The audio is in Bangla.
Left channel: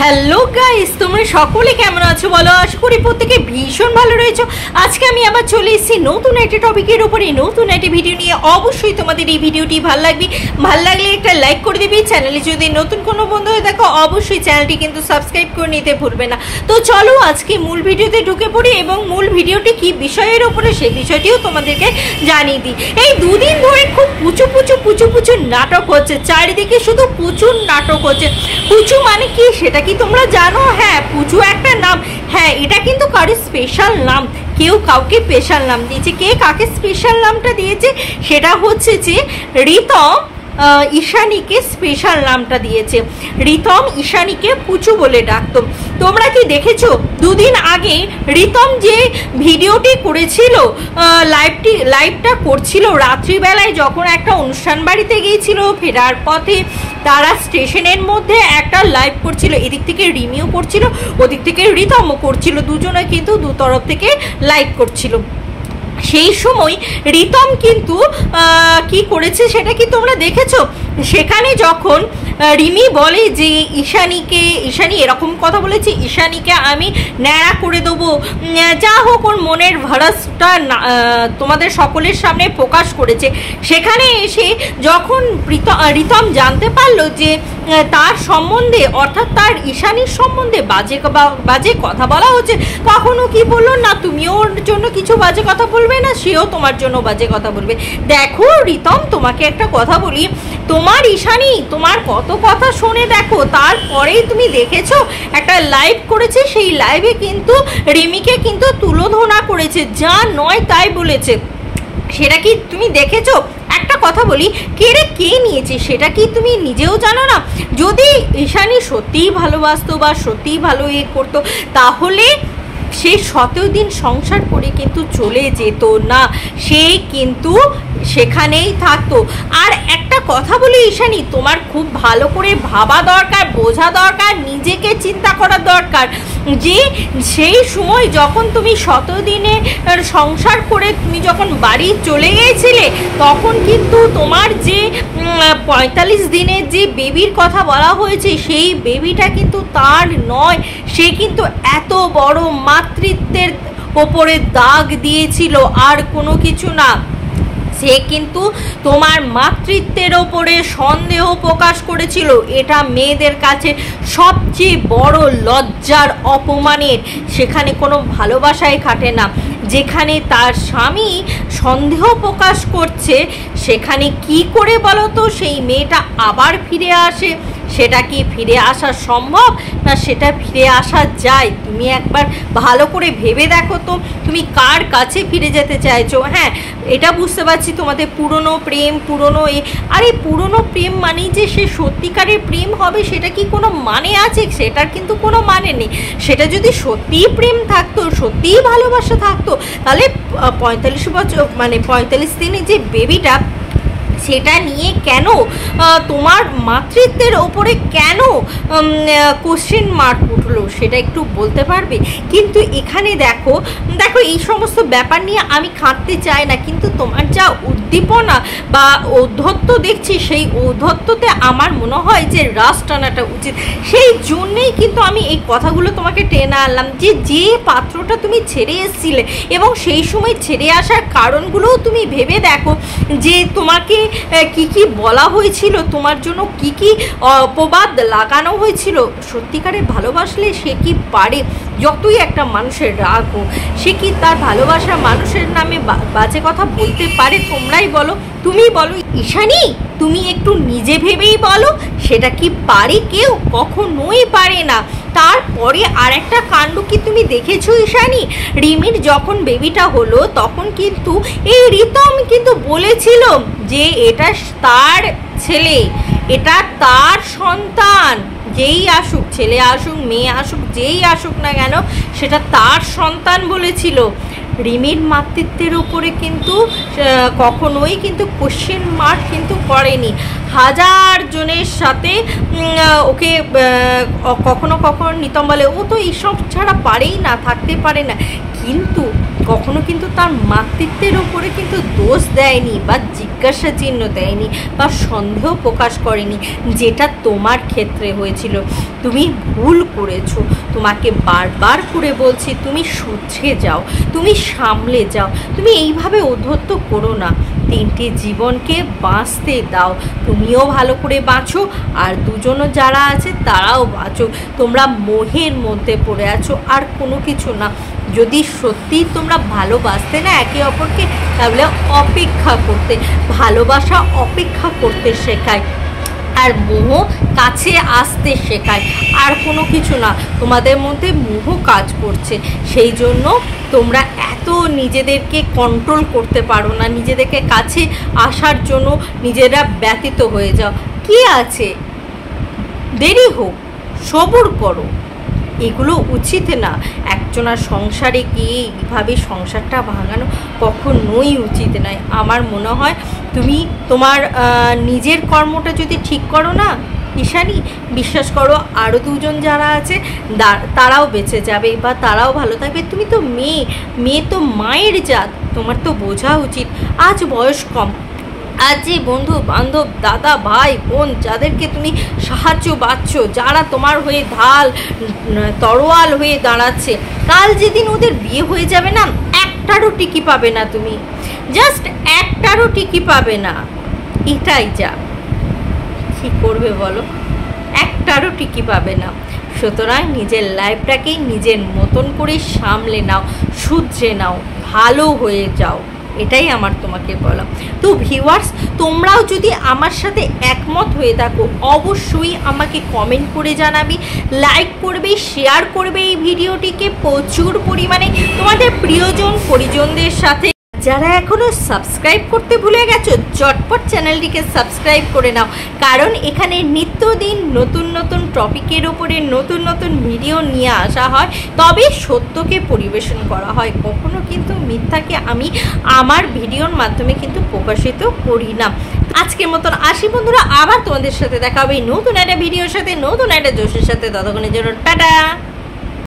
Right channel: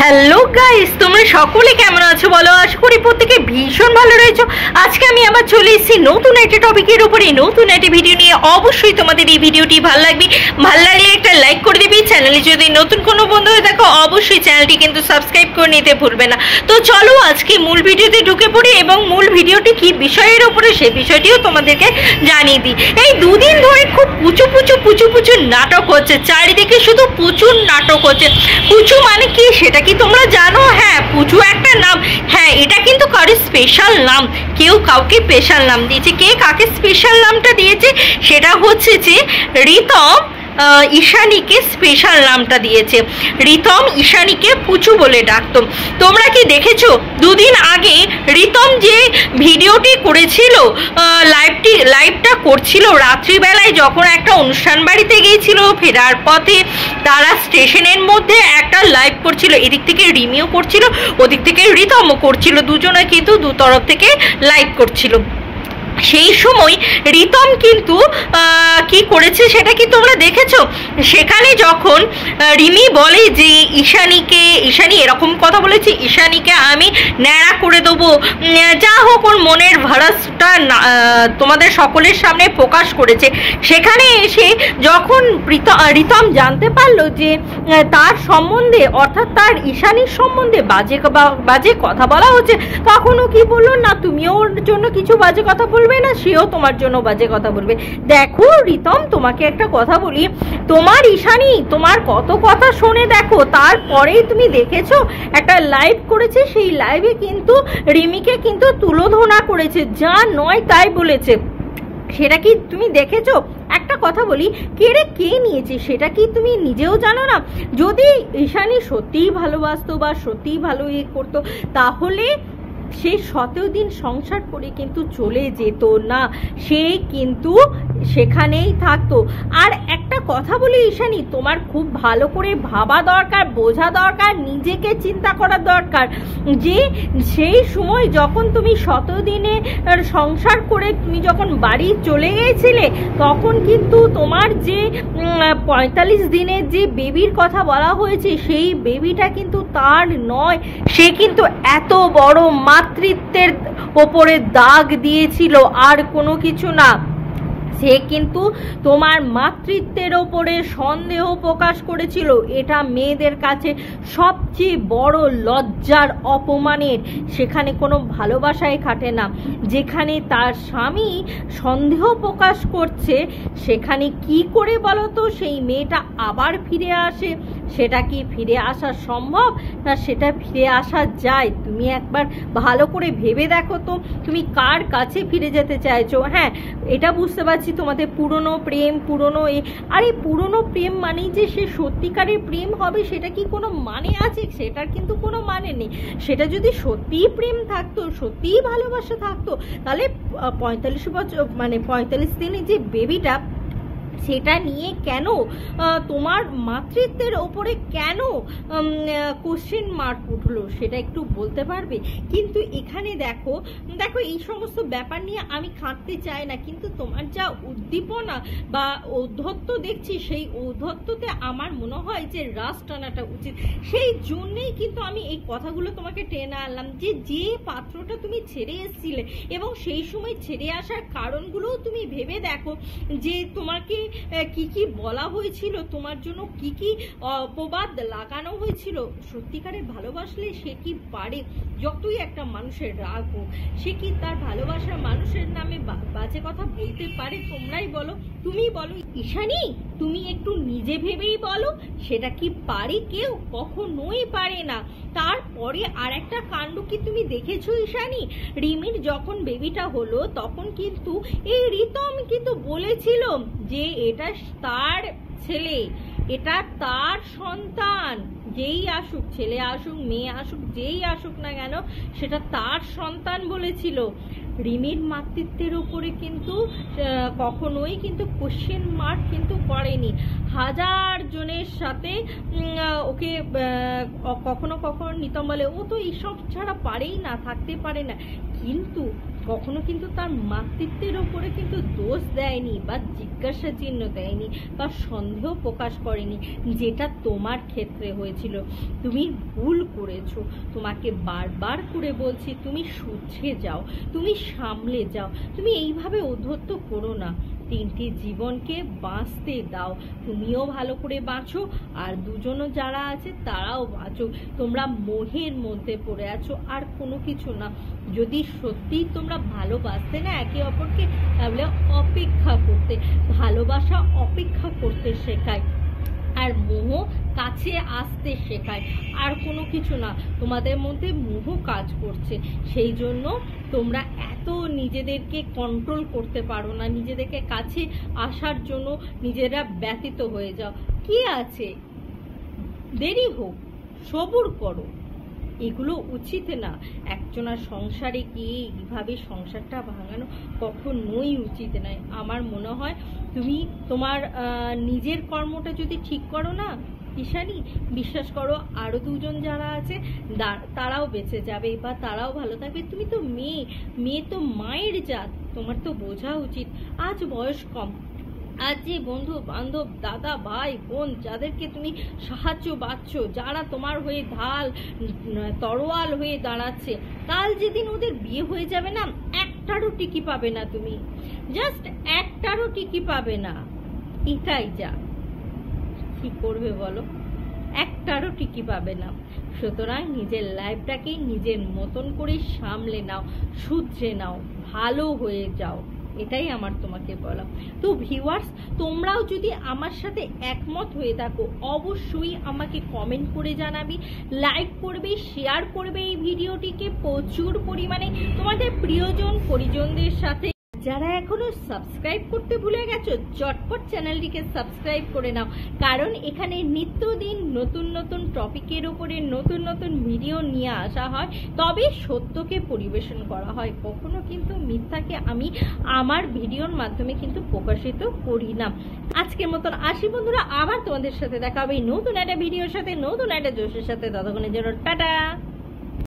হ্যালো গাইস, তোমরা সকলে কেমন আছো বলো? আশা করি প্রত্যেকে ভীষণ ভালো রয়েছো। আজকে আমি আবার চলে এসেছি নতুন একটা টপিকের উপরে, নতুন একটা ভিডিও নিয়ে। অবশ্যই তোমাদের এই ভিডিওটি ভালো লাগবে, ভালো লাগলে একটা লাইক করে দিবি। চ্যানেলে যদি নতুন কোনো বন্ধু হয়ে দেখো অবশ্যই চ্যানেলটি কিন্তু সাবস্ক্রাইব করে নিতে ভুলবে না। তো চলো আজকে মূল ভিডিওতে ঢুকে পড়ি এবং মূল ভিডিওটি কি বিষয়ের উপরে সেই বিষয়টিও তোমাদেরকে জানিয়ে দিই। এই দুদিন ধরে খুব পুচু নাটক হচ্ছে, চারিদিকে শুধু প্রচুর নাটক হচ্ছে। পুচু মানে কি সেটা কি তোমরা জানো? হ্যাঁ, পুচু একটা নাম। হ্যাঁ, এটা কিন্তু কারোর স্পেশাল নাম, কেউ কাউকে স্পেশাল নাম দিয়েছে। কে কাকে স্পেশাল নামটা দিয়েছে সেটা হচ্ছে যে রিতম ঈশানীকে স্পেশাল নামটা দিয়েছে। রিতম ঈশানীকে পুচু বলে ডাকতো। তোমরা কি দেখেছো দুদিন আগে রিতম যে ভিডিওটি করেছিল, লাইভটা করছিল রাত্রিবেলায়, যখন একটা অনুষ্ঠান বাড়িতে গিয়েছিল, ফেরার পথে তারা স্টেশনের মধ্যে একটা লাইভ করছিল। এদিক থেকে রিমিও করছিল, ওদিক থেকে রিতমও করছিল, দুজনে কিন্তু দু তরফ থেকে লাইভ করছিল। সেই সময় রিতম কিন্তু কি করেছে সেটা কি তোমরা দেখেছো? সেখানে যখন রিমি বলে যে ঈশানী এরকম কথা বলেছে, ঈশানীকে আমি ন্যাড়া করে দেবো, যা হোক ওর মনের ভারাসটা তোমাদের সকলের সামনে প্রকাশ করেছে। সেখানে এসে যখন রিতম জানতে পারলো যে তার সম্বন্ধে, অর্থাৎ তার ঈশানীর সম্বন্ধে বাজে কথা বলা হচ্ছে, তখনও কি বললো না তুমি ওর জন্য কিছু বাজে কথা বলবে না, সেও তোমার জন্য বাজে কথা বলবে। দেখো রিতম, তোমাকে একটা কথা বলি, তোমার ঈশানী তোমার কত কথা শোনে দেখো, তারপরেই তুমি দেখেছো একটা লাইভ করেছে, সেই লাইভে কিন্তু রিমিকে কিন্তু তুলোধনা করেছে, যা নয় তাই বলেছে। সেটা কি তুমি দেখেছো? একটা কথা বলি, কে নিয়েছে সেটা কি তুমি নিজেও জানো না? যদি ঈশানী সত্যিই ভালোবাসতো বা সত্যিই ভালো করতো, তাহলে সে 17 দিন সংসার করে কিন্তু চলে যেত না, সে কিন্তু সেখানেই থাকতো। আর একটা কথা বলি ঈশানী, তোমার খুব ভালো করে ভাবা দরকার, বোঝা দরকার, নিজেকে চিন্তা করার দরকার যে সেই সময় যখন তুমি 17 দিনে সংসার করে তুমি যখন বাড়ি চলে গিয়েছিলে, তখন কিন্তু তোমার যে 45 দিনের যে বেবির কথা বলা হয়েছে, সেই বেবিটা কিন্তু তার নয়, সে কিন্তু এত বড় মাতৃত্বের ওপরে দাগ দিয়েছিল, আর কোনো কিছু না। সে কিন্তু তোমার মাতৃত্বের ওপরে সন্দেহ প্রকাশ করেছিল। এটা মেয়েদের কাছে সবচেয়ে বড় লজ্জার, অপমানের। সেখানে কোনো ভালোবাসায় খাটে না। যেখানে তার স্বামী সন্দেহ প্রকাশ করছে, সেখানে কি করে বলো তো সেই মেয়েটা আবার ফিরে আসে? সেটা কি ফিরে আসা সম্ভব না সেটা ফিরে আসা যায়? তুমি একবার ভালো করে ভেবে দেখো তো, তুমি কার কাছে ফিরে যেতে চাইছো? হ্যাঁ, এটা বুঝতে পারছি তোমাদের পুরনো প্রেম, আরে পুরনো প্রেম মানেই যে সে সত্যিকারের প্রেম হবে সেটা কি কোনো মানে আছে? সেটার কিন্তু কোনো মানে নেই। সেটা যদি সত্যিই প্রেম থাকতো, সত্যিই ভালোবাসা থাকতো, তাহলে 45 বছর মানে 45 দিনে যে বেবিটা, সেটা নিয়ে কেন তোমার মাতৃত্বের ওপরে কেন কোশ্চেন মার্ক উঠলো সেটা একটু বলতে পারবে? কিন্তু এখানে দেখো এই সমস্ত ব্যাপার নিয়ে আমি খাটতে চাই না, কিন্তু তোমার যা উদ্দীপনা বা ঔদ্ধত্য দেখছি, সেই ঔদ্ধত্যতে আমার মনে হয় যে রাশ টানাটা উচিত। সেই জন্যেই কিন্তু আমি এই কথাগুলো তোমাকে টেনে আনলাম, যে পাত্রটা তুমি ছেড়ে এসেছিলে এবং সেই সময় ছেড়ে আসার কারণগুলোও তুমি ভেবে দেখো, যে তোমাকে কি বলা হয়েছিল, তোমার জন্য কি অপবাদ লাগানো হয়েছিল। সত্যিকারে ভালোবাসলে সে কি পারে, যতই একটা মানুষের রাগ হোক, সে কি তার ভালোবাসা মানুষের নামে বাজে কথা বলতে পারে? তোমরাই বলো, তুমি বলো ঈশানী, তুমি একটু নিজে ভেবেই বলো, সেটা কি পারে কেউ? কখনোই পারে না। তারপরে আর একটা কাণ্ড কি তুমি দেখেছো ঈশানী? রিমির যখন বেবিটা হলো, তখন কিন্তু এই রিতম কিন্তু বলেছিল যে এটা তার ছেলে, এটা তার সন্তান, যেই আসুক, ছেলে আসুক মেয়ে আসুক, যেই আসুক না কেন, সেটা তার সন্তান বলেছিল। রিমির মাতৃত্বের উপরে কিন্তু কখনোই কিন্তু কোশ্চেন মার্ক কিন্তু করেনি। হাজার জনের সাথে ওকে কখনো কখনো নিতম বলে ও তো এইসব ছাড়া পারেই না, থাকতে পারে না, কিন্তু কখনো কিন্তু তার মাতৃত্বের ওপরে কিন্তু দোষ দেয়নি বা জিজ্ঞাসা চিহ্ন দেয়নি বা সন্দেহ প্রকাশ করেনি, যেটা তোমার ক্ষেত্রে হয়েছিল। তুমি ভুল করেছো, তোমাকে বারবার করে বলছি তুমি শুধরে যাও, তুমি সামলে যাও, তুমি এইভাবে উদ্ধত্ত করো না। 3টে জীবনকে বাঁচতে দাও, তুমিও ভালো করে বাঁচো আর দুজনও যারা আছে তারাও বাঁচো। তোমরা মোহের মধ্যে পড়ে আছো, আর কোনো কিছু না। যদি সত্যি তোমরা ভালোবাসতে না একে অপরকে, তাহলে অপেক্ষা করতে, ভালোবাসা অপেক্ষা করতে শেখায়, আর মোহ কাছে আসতে শেখায়, আর কোনো কিছু না। তোমাদের মধ্যে মোহ কাজ করছে, সেই জন্য তোমরা এত নিজেদেরকে কন্ট্রোল করতে পারো না, নিজেদেরকে কাছে আসার জন্য নিজেরা ব্যতীত হয়ে যাও। কি আছে, দেরি হোক, সবর করো। এগুলো উচিত না। একজনের সংসারে গিয়ে এইভাবে সংসারটা ভাঙানো কখনোই উচিত নয়। আমার মনে হয় তুমি তোমার নিজের কর্মটা যদি ঠিক করো না ঈশানী, বিশ্বাস করো আরও দুজন যারা আছে তারাও বেঁচে যাবে বা তারাও ভালো থাকবে। তুমি তো মেয়ে তো মায়ের জাত, তোমার তো বোঝা উচিত। আজ বয়স কম, আজ যে বন্ধু বান্ধব দাদা ভাই বোন যাদেরকে তুমি সাহায্য পাচ্ছ, যারা তোমার হয়ে ঢাল তরোয়াল হয়ে দাঁড়াচ্ছে, কাল যেদিন ওদের বিয়ে হয়ে যাবে না, একটারও টিকি পাবে না, তুমি জাস্ট একটারও টিকি পাবে না। এটাই যা, কী করবে বলো, একটারও টিকি পাবে না। সুতরাং নিজের লাইফটাকে নিজের মতন করে সামলে নাও, শুধরে নাও, ভালো হয়ে যাও, এটাই আমার তোমাকে বলা। তো ভিউয়ার্স, তোমরাও যদি আমার সাথে একমত হয়ে থাকো অবশ্যই আমাকে কমেন্ট করে জানাবি, লাইক করবে, শেয়ার করবে এই ভিডিওটিকে প্রচুর পরিমাণে তোমাদের প্রিয়জন পরিজনদের সাথে। যারা এখনও সাবস্ক্রাইব করতে ভুলে গেছো চটপট চ্যানেলটিকে সাবস্ক্রাইব করে নাও, কারণ এখানে নিত্যদিন নতুন নতুন টপিকের ওপরে নতুন নতুন ভিডিও নিয়ে আসা হয়, তবে সত্যকে পরিবেশন করা হয়। কখনো কিন্তু মিথ্যাকে আমি আমার ভিডিওর মাধ্যমে কিন্তু প্রকাশিত করি না। আজকের মতন আসি বন্ধুরা, আবার তোমাদের সাথে দেখা হবে নতুন একটা ভিডিওর সাথে, নতুন একটা জোশের সাথে। ততক্ষণের জন্য টাটা।